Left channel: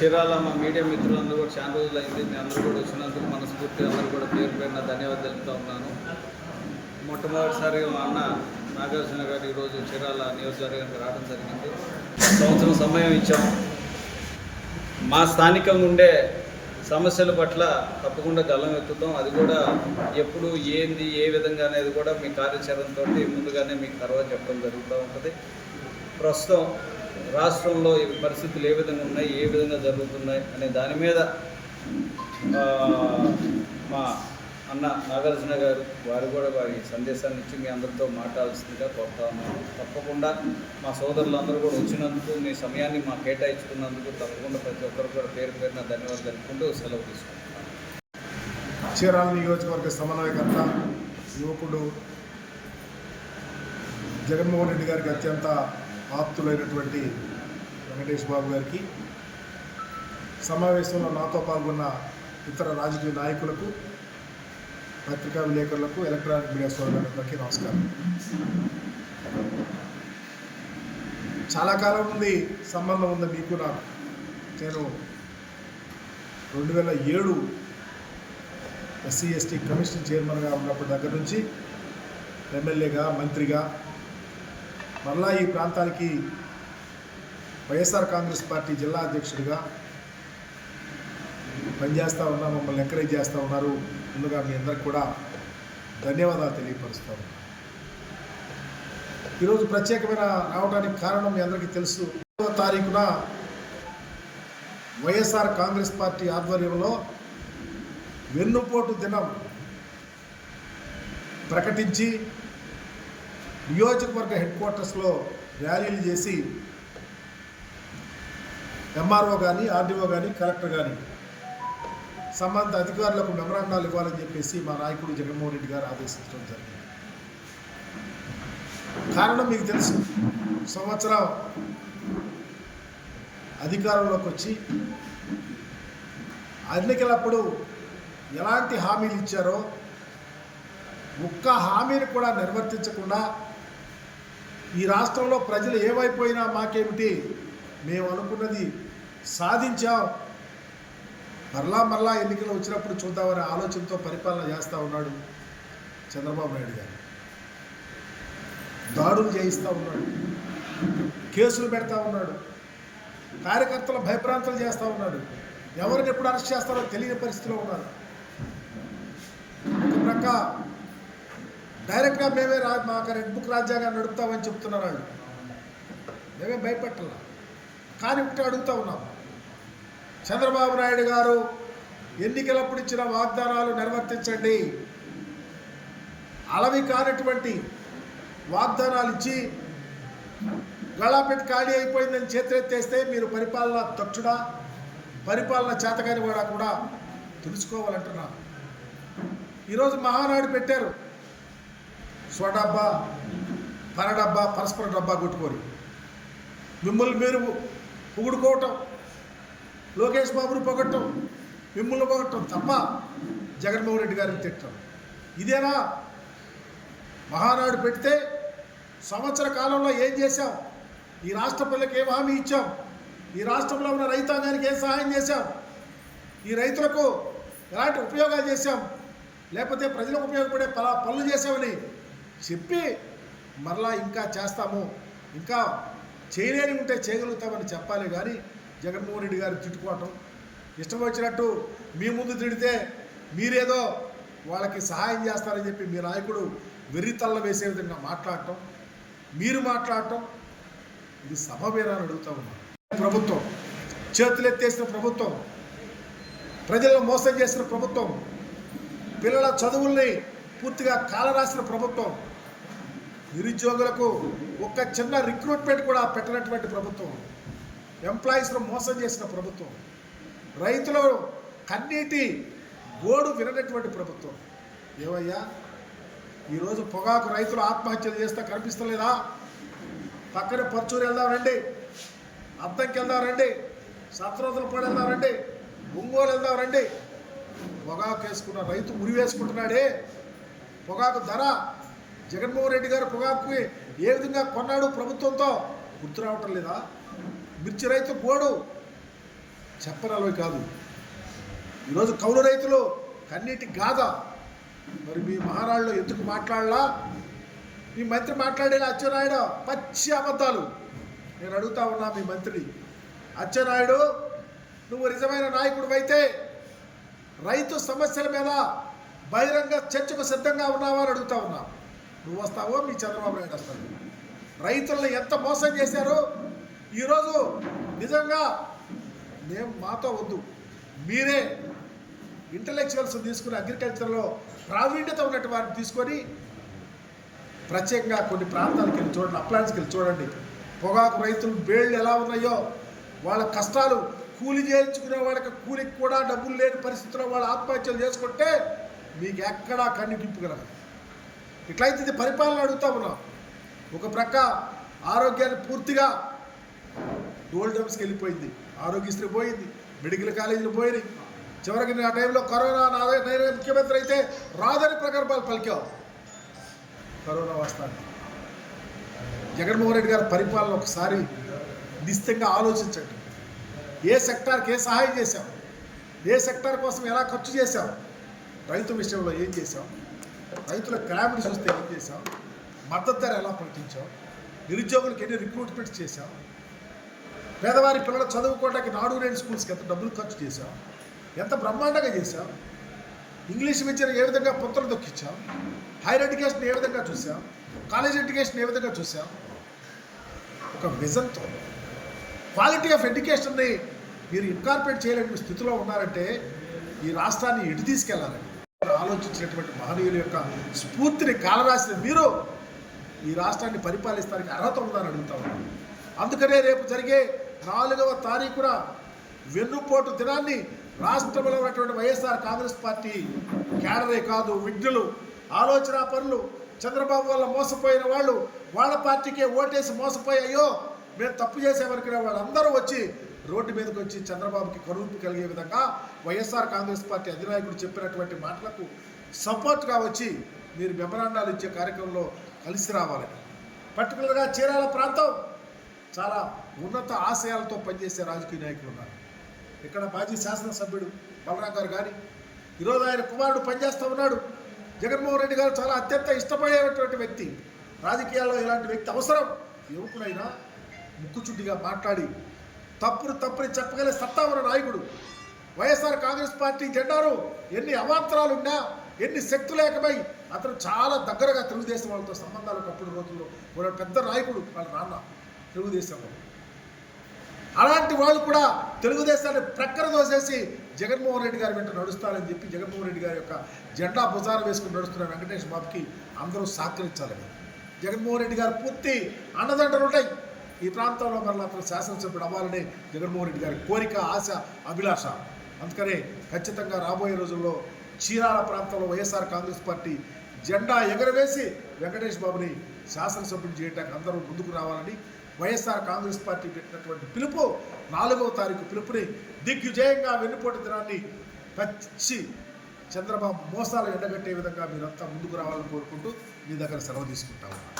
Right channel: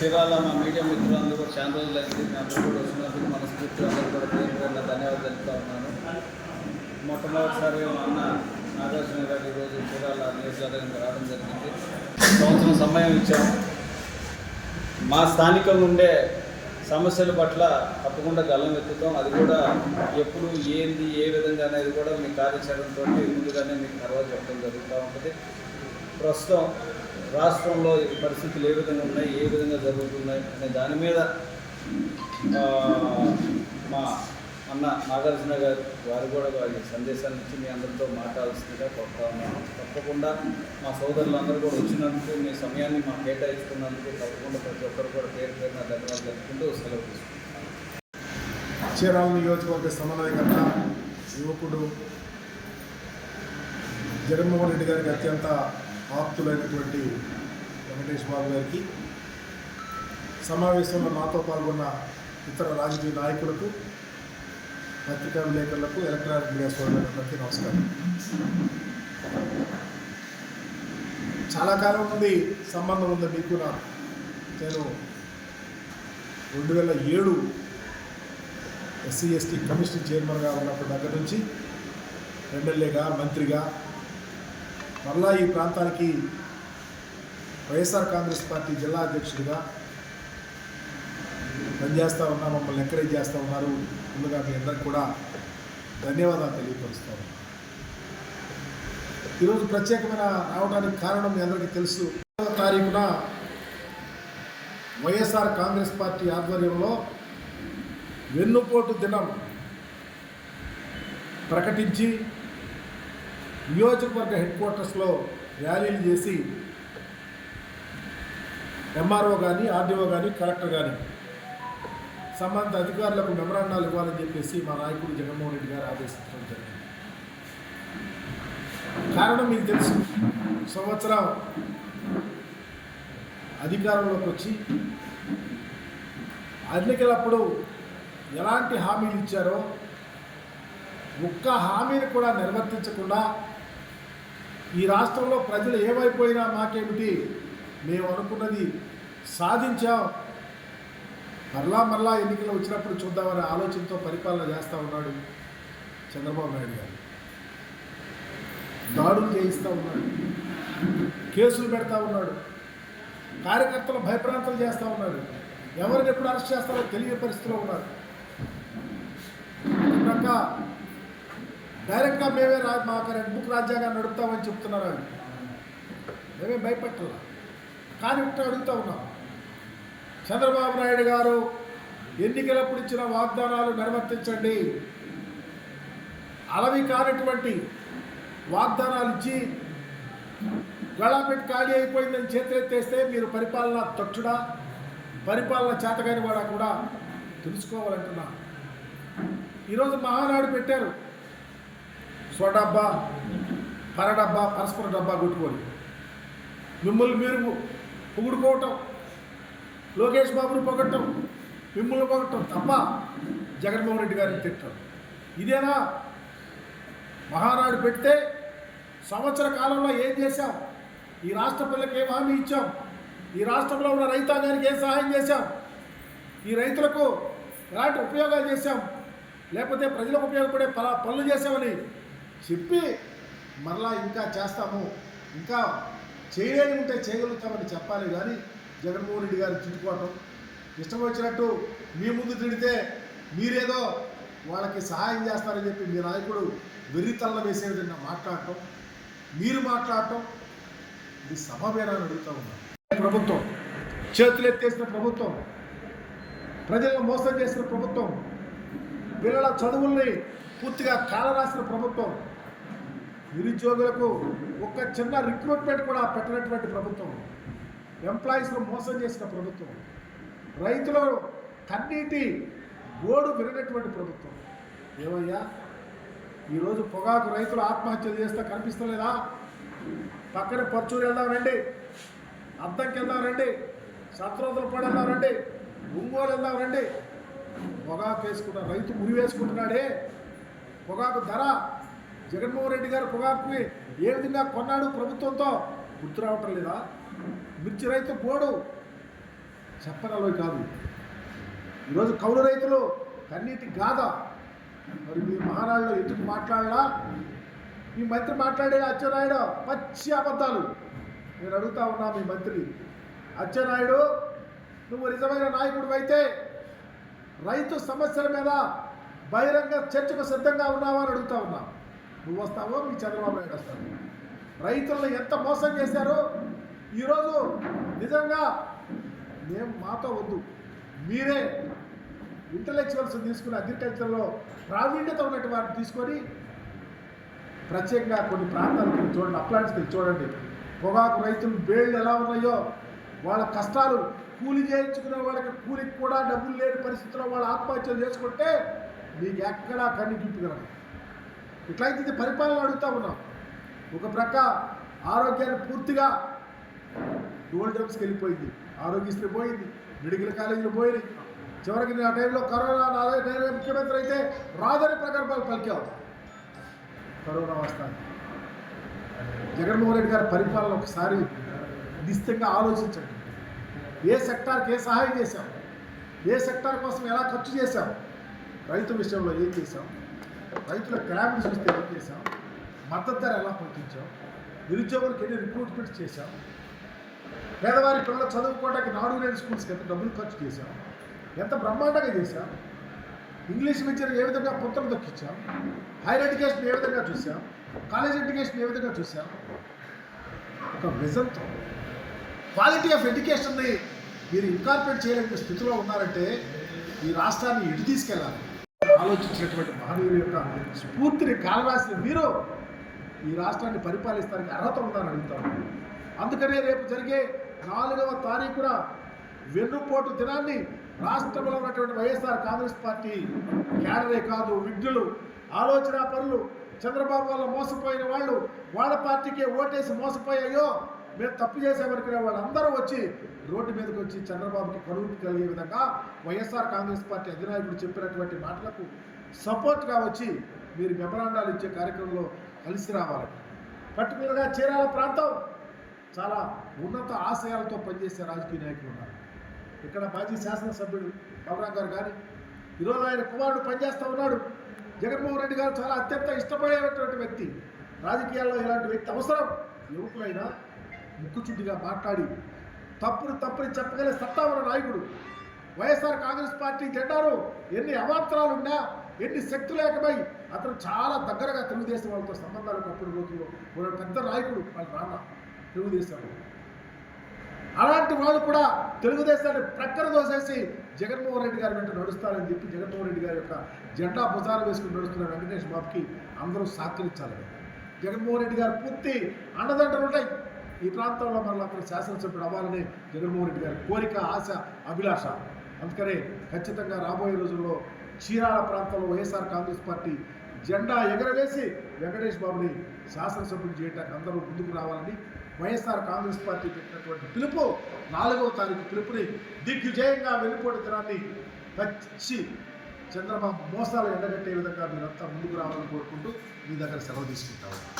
చీరాల మా మీడియా మిత్రులందరూ కూడా చాలా రోజులు అయింది. మీ అందరూ కూడా వచ్చినందుకు మనస్ఫూర్తి అందరూ కూడా పేరు పేరున ధన్యవాదాలు తెలుపుతా ఉన్నాను. మొట్టమొదటిసారిగా మా అన్న నాగార్జున గారు ఈరోజు చీరాల నియోజకవర్గానికి రావడం జరిగింది. సంవత్సరం సమయం ఇచ్చాం. మా స్థానికంగా ఉండే సమస్యల పట్ల తప్పకుండా గలం ఎత్తుతాం. అది కూడా ఎప్పుడు ఏంది ఏ విధంగా అనేది కూడా మీ కార్యాచరణతో ముందుగానే మీకు తర్వాత చెప్పడం జరుగుతూ ఉంటుంది. ప్రస్తుతం రాష్ట్రంలో ఈ పరిస్థితులు ఏ విధంగా ఉన్నాయి ఏ విధంగా జరుగుతున్నాయి అనే దాని మీద మా అన్న నాగార్జున గారు వారు కూడా వారి సందేశాన్ని ఇచ్చి మీ అందరితో మాట్లాడాల్సిందిగా కోరుతా ఉన్నాను. తప్పకుండా మా సోదరులందరూ కూడా వచ్చినందుకు మీ సమయాన్ని మా కేటాయించుకున్నందుకు తప్పకుండా ప్రతి ఒక్కరు కూడా పేరు పేరున ధన్యవాదాలు తెలుపుకుంటూ సెలవు తీసుకుంటున్నాను. చీరాల నియోజకవర్గ సమన్వయకర్త యువకుడు జగన్మోహన్ రెడ్డి గారికి అత్యంత ఆప్తులైనటువంటి వెంకటేష్ బాబు గారికి. సమావేశంలో నాతో పాల్గొన్న ఇతర రాజకీయ నాయకులకు పత్రికా విలేకరులకు ఎలక్ట్రానిక్ మీడియా సోదరులందరికీ నమస్కారం. చాలా కాలం నుండి సంబంధం ఉంది మీకు నాకు. నేను రెండు వేల ఏడు ఎస్సీ ఎస్టీ కమిషన్ చైర్మన్గా ఉన్నప్పటి దగ్గర నుంచి ఎమ్మెల్యేగా మంత్రిగా మరలా ఈ ప్రాంతానికి వైఎస్ఆర్ కాంగ్రెస్ పార్టీ జిల్లా అధ్యక్షుడిగా పనిచేస్తూ ఉన్నా మమ్మల్ని ఎంకరేజ్ చేస్తూ ఉన్నారు. ముందుగా మీ అందరికి కూడా ధన్యవాదాలు తెలియపరుస్తూ ఉన్నా. ఈరోజు ప్రత్యేకమైన రావడానికి కారణం మీ అందరికీ తెలుసు. తారీఖున వైఎస్ఆర్ కాంగ్రెస్ పార్టీ ఆధ్వర్యంలో వెన్నుపోటు దినం ప్రకటించి నియోజకవర్గ హెడ్ క్వార్టర్స్లో ర్యాలీలు చేసి ఎంఆర్ఓ కానీ ఆర్డీఓ కానీ కలెక్టర్ కానీ సంబంధిత అధికారులకు మెమరాండాలు ఇవ్వాలని చెప్పేసి మా నాయకుడు జగన్మోహన్ రెడ్డి గారు ఆదేశించడం జరిగింది. కారణం మీకు తెలుసు. సంవత్సరం అధికారంలోకి వచ్చి ఎన్నికలప్పుడు ఎలాంటి హామీలు ఇచ్చారో ఒక్క హామీని కూడా నిర్వర్తించకుండా ఈ రాష్ట్రంలో ప్రజలు ఏమైపోయినా మాకేమిటి? మేము అనుకున్నది సాధించాం. మరలా మరలా ఎన్నికలు వచ్చినప్పుడు చూద్దామనే ఆలోచనతో పరిపాలన చేస్తూ ఉన్నాడు చంద్రబాబు నాయుడు గారు. దాడులు చేయిస్తూ ఉన్నాడు. కేసులు పెడతా ఉన్నాడు. కార్యకర్తలు భయప్రాంతలు చేస్తూ ఉన్నాడు. ఎవరిని ఎప్పుడు అరెస్ట్ చేస్తారో తెలియని పరిస్థితిలో ఉన్నారు. ఒక ప్రక్క డైరెక్ట్గా మేమే రా మాకు రెడ్ బుక్ రాజ్యాంగాన్ని నడుపుతామని చెప్తున్నారు ఆయన. మేమే భయపెట్టాల. కానీ ఒకటి అడుగుతూ ఉన్నాం. చంద్రబాబు నాయుడు గారు ఎన్నికలప్పుడు ఇచ్చిన వాగ్దానాలు నిర్వర్తించండి. అలవి కానటువంటి వాగ్దానాలు ఇచ్చి గళాపెట్టి ఖాళీ అయిపోయిందని చేతులెత్తేస్తే మీరు పరిపాలన తక్షుడా పరిపాలన చేతగాని వాడా కూడా తెలుసుకోవాలంటున్నా. ఈరోజు మహానాడు పెట్టారు. స్వడబ్బా పరడబ్బా పరస్పర డబ్బా కొట్టుకొని. మిమ్మల్ని మీరు పొగుడుకోవటం లోకేష్ బాబుని పొగట్టం మిమ్మల్ని పొగట్టం తప్ప జగన్మోహన్ రెడ్డి గారిని తిట్టడం ఇదేనా? మహానాడు పెడితే సంవత్సర కాలంలో ఏం చేశాం? ఈ రాష్ట్ర పిల్లలకి ఏం హామీ ఇచ్చాం? ఈ రాష్ట్రంలో ఉన్న రైతాంగానికి ఏం సహాయం చేశాం? ఈ రైతులకు ఎలాంటి ఉపయోగాలు చేశాం? లేకపోతే ప్రజలకు ఉపయోగపడే పనులు చేశామని చెప్పి మరలా ఇంకా చేస్తాము ఇంకా చేయలేని ఉంటే చేయగలుగుతామని చెప్పాలి కానీ జగన్మోహన్ రెడ్డి గారు తిట్టుకోవటం ఇష్టం వచ్చినట్టు మీ ముందు తిడితే మీరేదో వాళ్ళకి సహాయం చేస్తారని చెప్పి మీ నాయకుడు వెర్రితల్ల వేసే విధంగా మాట్లాడటం మీరు మాట్లాడటం ఇది సభవేనాన్ని అడుగుతా ఉన్నాను ప్రభుత్వం చేతులు ఎత్తేసిన ప్రభుత్వం ప్రజలను మోసం చేసిన ప్రభుత్వం పిల్లల చదువుల్ని పూర్తిగా కాలరాసిన ప్రభుత్వం నిరుద్యోగులకు ఒక్క చిన్న రిక్రూట్మెంట్ కూడా పెట్టనటువంటి ప్రభుత్వం. ఎంప్లాయీస్ను మోసం చేసిన ప్రభుత్వం. రైతుల కన్నీటి గోడు విననటువంటి ప్రభుత్వం. ఏమయ్యా? ఈరోజు పొగాకు రైతులు ఆత్మహత్యలు చేస్తే కనిపిస్తలేదా? పక్కన పర్చూరు వెళ్దాం రండి. అద్దంకి వెళ్దాం రండి. సత్రోతుల పడి వెళ్దాం రండి. ఒంగోలు వెళ్దాం రండి. పొగాకు వేసుకున్న రైతు ఉరి వేసుకుంటున్నాడే. పొగాకు ధర జగన్మోహన్ రెడ్డి గారు పొగాకుని ఏ విధంగా కొన్నాడు ప్రభుత్వంతో గుర్తు రావటం లేదా? మిర్చి రైతు గోడు చెప్పనలవి కాదు. ఈరోజు కౌలు రైతులు కన్నీటి గాథ మరి మీ మహారాళ్ళు ఎందుకు మాట్లాడలా? మీ మంత్రి మాట్లాడే అచ్చెన్నాయుడు పచ్చి అబద్ధాలు. నేను అడుగుతా ఉన్నా మీ మంత్రిని. అచ్చెన్నాయుడు నువ్వు నిజమైన నాయకుడు అయితే రైతు సమస్యల మీద బహిరంగ చర్చకు సిద్ధంగా ఉన్నావా అని అడుగుతా ఉన్నా. నువ్వు వస్తావో మీ చంద్రబాబు నాయుడు వస్తాడు. రైతులను ఎంత మోసం చేశారో ఈరోజు నిజంగా మేము మాతో వద్దు. మీరే ఇంటలెక్చువల్స్ తీసుకుని అగ్రికల్చర్లో ప్రావీణ్యత ఉన్నట్టు వారిని తీసుకొని ప్రత్యేకంగా కొన్ని ప్రాంతాలకు వెళ్ళి చూడండి అప్లాంట్స్కి వెళ్ళి చూడండి. పొగాకు రైతులు బేళ్ళు ఎలా ఉన్నాయో వాళ్ళ కష్టాలు కూలి చేయించుకునే వాళ్ళకి కూలికి కూడా డబ్బులు లేని పరిస్థితుల్లో వాళ్ళు ఆత్మహత్యలు చేసుకుంటే మీకు ఎక్కడా కన్ను గిప్పుగలరు ఇట్లయితే ఇది పరిపాలన అడుగుతా ఉన్నాం. ఒక ప్రక్క ఆరోగ్యాన్ని పూర్తిగా డోల్ డ్రమ్స్కి వెళ్ళిపోయింది. ఆరోగ్యశ్రీ పోయింది. మెడికల్ కాలేజీలు పోయినాయి. చివరికి నేను ఆ టైంలో కరోనా నాదే నేనే ముఖ్యమంత్రి అయితే రాదని ప్రగల్భాలు పలికావు. కరోనా వస్తాను జగన్మోహన్ రెడ్డి గారి పరిపాలన ఒకసారి నిశ్చితంగా ఆలోచించండి. ఏ సెక్టార్కి ఏ సహాయం చేశాం? ఏ సెక్టార్ కోసం ఎలా ఖర్చు చేశాం? రైతు విషయంలో ఏం చేశాం? రైతుల గ్రామీణ చూస్తే ఏం చేసాం మద్దతు ధర ఎలా ప్రకటించాం? నిరుద్యోగులకు ఎన్ని రిక్రూట్మెంట్ చేశాం? పేదవారి పిల్లలు చదువుకోవడానికి నాడు లేని స్కూల్స్కి ఎంత డబ్బులు ఖర్చు చేశాం? ఎంత బ్రహ్మాండంగా చేశాం? ఇంగ్లీష్ విద్యను ఏ విధంగా పుత్రులు దొక్కించాం? హైయర్ ఎడ్యుకేషన్ ఏ విధంగా చూసాం కాలేజ్ ఎడ్యుకేషన్ ఏ విధంగా చూసాం ఒక విజన్తో. క్వాలిటీ ఆఫ్ ఎడ్యుకేషన్ని మీరు ఇన్కార్పొరేట్ చేయలేని స్థితిలో ఉన్నారంటే ఈ రాష్ట్రాన్ని ఎటు తీసుకెళ్ళాలి. ఆలోచించినటువంటి మహనీయుల యొక్క స్ఫూర్తిని కాలరాసిన మీరు ఈ రాష్ట్రాన్ని పరిపాలిస్తానికి అర్హత ఉందని అడుగుతా ఉన్నాను. అందుకనే రేపు జరిగే నాలుగవ తారీఖున వెన్నుపోటు దినాన్ని రాష్ట్రంలో ఉన్నటువంటి వైఎస్ఆర్ కాంగ్రెస్ పార్టీ క్యాడరే కాదు విఘ్నులు ఆలోచన పనులు చంద్రబాబు వల్ల మోసపోయిన వాళ్ళు వాళ్ళ పార్టీకే ఓటేసి మోసపోయాయో మేము తప్పు చేసామనుకునే వాళ్ళందరూ వచ్చి రోడ్డు మీదకి వచ్చి చంద్రబాబుకి కరువు కలిగే విధంగా వైఎస్ఆర్ కాంగ్రెస్ పార్టీ అధినాయకుడు చెప్పినటువంటి మాటలకు సపోర్ట్గా వచ్చి మీరు మెమరాండాలు ఇచ్చే కార్యక్రమంలో కలిసి రావాలి. పర్టికులర్గా చీరాల ప్రాంతం చాలా ఉన్నత ఆశయాలతో పనిచేసే రాజకీయ నాయకులు ఉన్నారు. ఇక్కడ మాజీ శాసనసభ్యుడు బలరాం గారు కానీ ఈరోజు ఆయన కుమారుడు పనిచేస్తూ ఉన్నాడు. జగన్మోహన్ రెడ్డి గారు చాలా అత్యంత ఇష్టపడేటువంటి వ్యక్తి. రాజకీయాల్లో ఇలాంటి వ్యక్తి అవసరం. యువకుడైనా ముక్కుచుడ్డిగా మాట్లాడి తప్పును తప్పుని చెప్పగలే సత్తా ఉన్న నాయకుడు. వైఎస్ఆర్ కాంగ్రెస్ పార్టీ జెండాను ఎన్ని అవాంతరాలున్నా ఎన్ని శక్తులు అతను చాలా దగ్గరగా తెలుగుదేశం వాళ్ళతో సంబంధాలు ఒకప్పుడు రోజుల్లో. కూడా పెద్ద నాయకుడు వాళ్ళ నాన్న తెలుగుదేశంలో. అలాంటి వాళ్ళు కూడా తెలుగుదేశాన్ని ప్రక్కన దోసేసి జగన్మోహన్ రెడ్డి గారి వెంట నడుస్తారని చెప్పి జగన్మోహన్ రెడ్డి గారి యొక్క జెండా భుజాన వేసుకుని నడుస్తున్న వెంకటేష్ బాబుకి అందరూ సహకరించాలని జగన్మోహన్ రెడ్డి గారు పూర్తి అండదండలు ఉంటాయి. ఈ ప్రాంతంలో మరలా అతను శాసనసభ్యుడు అవ్వాలని జగన్మోహన్ రెడ్డి గారి కోరిక ఆశ అభిలాష. అందుకనే ఖచ్చితంగా రాబోయే రోజుల్లో చీరాల ప్రాంతంలో వైఎస్ఆర్ కాంగ్రెస్ పార్టీ జెండా ఎగరవేసి వెంకటేష్ బాబుని శాసనసభ్యుడు చేయడానికి అందరూ ముందుకు రావాలని వైఎస్ఆర్ కాంగ్రెస్ పార్టీ పెట్టినటువంటి పిలుపు నాలుగవ తారీఖు పిలుపుని దిగ్విజయంగా వెన్నుపోటు దినాన్ని పచ్చి చంద్రబాబు మోసాలు ఎండగట్టే విధంగా మీరంతా ముందుకు రావాలని కోరుకుంటూ మీ దగ్గర సెలవు తీసుకుంటాము.